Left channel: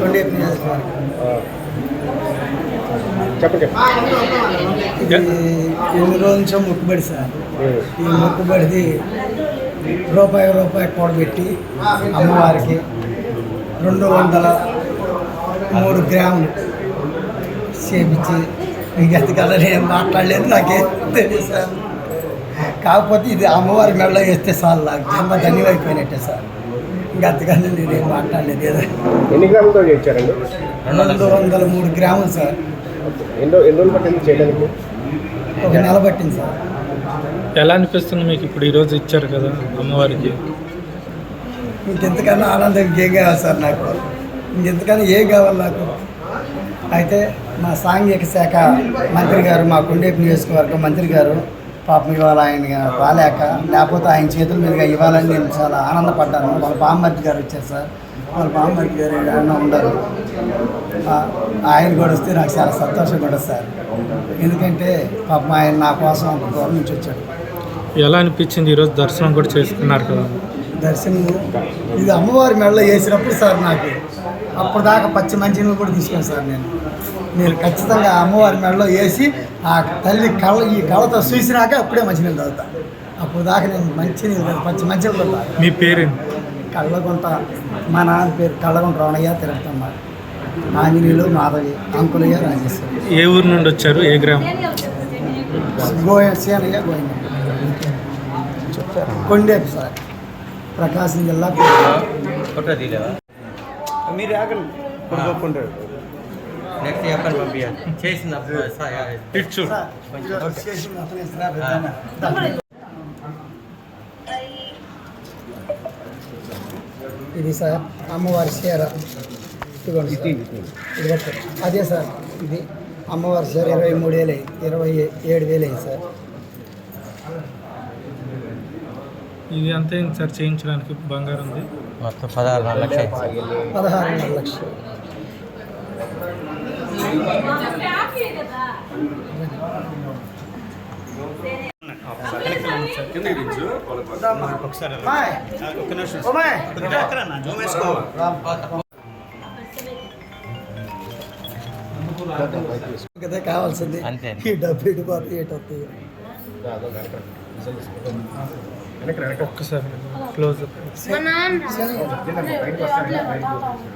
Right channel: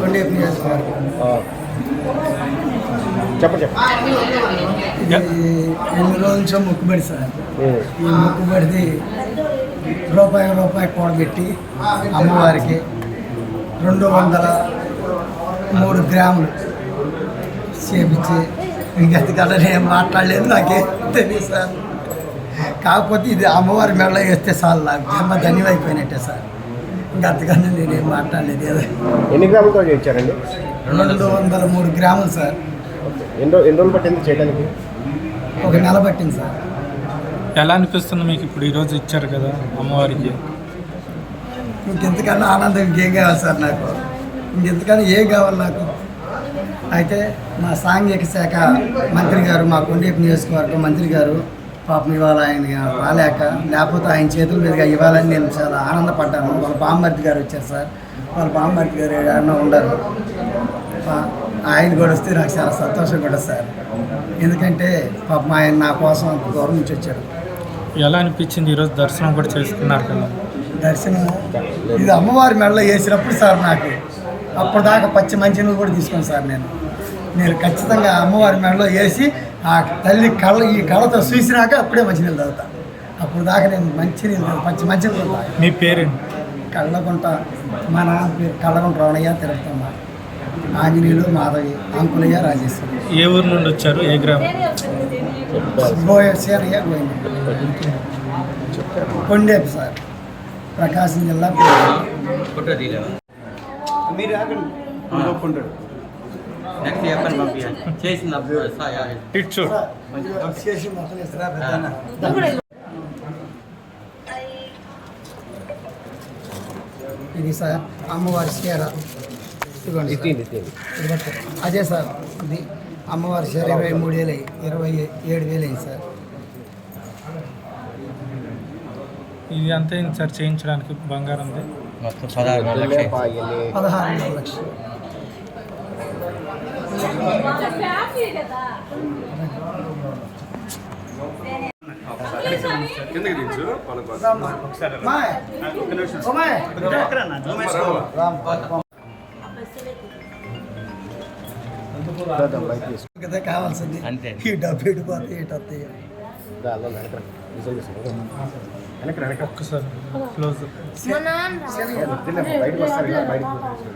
కొండేపు నియోజకవర్గం ఎన్ని రోజుల నుంచో మొక్కుబడి సార్. ఈ మొక్కుబడిది రూపాయి రూపాయి కూడబెట్టి అమ్మవారికి రెండు వందల మూడు గ్రాములు చేపించి ఇంక ఎంతకల్లా నేను మాట్లాడలేదు నాకేం తెలియదు సార్. కాకపోతే ఇది అమ్మవారి మెడలో వేస్తే చాలు నాకు. జన్మ ధన్యమైపోయినట్టే సార్. ఇంకా అంతకన్నా నేనేం మాట్లాడలేదు. ఏదో ఎన్ని గ్రాములతో ఇచ్చారండి రెండు వందల మూడు గ్రాములు సార్. ఎన్ని ఎన్ని రోజులు పట్టింది చేయడానికి? ఒక నెల పట్టింది సార్. ఎలా అనిపిస్తుంది మీకు ఇప్పుడు ఈరోజు ఇచ్చారు కదా అమ్మవారికి? ఇంకెంతకన్నా ఆనందం ఇంకేం కావాలి సార్ నాకు? ఇంకెంతకన్నా ఏం కావాలి నాకు? అయితే మా సాంఘిక శాఖ మంత్రి గారు మా కొండేపు నియోజకవర్గం మంత్రి గారు పాపం ఇవాళ ఆయన రాలేక లేకపోతే ఆయన చేతుల మీదుగా ఇవ్వాలని నేను చాలా ఆనందపడ్డాను. వాళ్ళ బామ్మర్తి గారు వచ్చారు సార్. వాళ్ళ బామ్మర్తి గారు ఏడన్నా ఉండరు. ఆయన కూడా వస్తే నాకు చాలా సంతోషం కూడా సార్. ఎందుకంటే పాపం ఆయన నా కోసం అంత దూరం నుంచి వచ్చాడు. ఎలా అనిపించింది? ఈరోజు దర్శనం కూడా చేసుకున్నారు కదా. దర్శనం ఇది అమ్మవారి మెడలో వేసినప్పుడు సార్ నాకు అప్పటిదాకా పచ్చి మంచినీళ్ళు కూడా తీసుకోను సార్ నేను. నేను ఖచ్చితంగా అమ్మవారి మెడలో వేసి ఆ తల్లి కళ్ళ ఈ కళ్ళతో చూసినాక అప్పుడే మంచినీళ్ళు తాగుతా. అప్పుడు దాకా నేను మంచినీళ్ళు పచ్చి మంచినీళ్ళు కూడా తాగను. మీ పేరేంటి? కళ్ళగుంట మా నాన్న పేరు కళ్ళగుంట రావణయ్య తిరుపతమ్మ. ఆంజనేయులు మాధవి అంకులయ్య రాజేశ్వరి ఏ ఊరు నుండి వచ్చారు? ఏ గ్రామం? గోయ సేనయ్య గోవింద. కొండేపు సార్. ప్రకాశం జిల్లా మీరు కొనుక్కుంటారు నెక్స్ట్ చెప్పండి పంపించాలి ఇది. సార్ అమ్మవారి చీర. ఇదిగోండి. ఇది. అదే సార్ ఇది అమ్మవారి చీర ఇరవై మూడు వేలు అయ్యి ఇరవై ఏడు వేలు అయింది సార్. ఇది అంతే సార్ చేయించడానికి బంగారంది మొత్తం పదహారు లక్షలు పదహారున్నర లక్షలు. కదా కావాల్సింది అంతే. ఈ డబ్బు ఇటుపోతే ఇటు వస్తాయి ఒక్కసారి క్లోజ్. బయటకు వస్తారు కదా బయటకు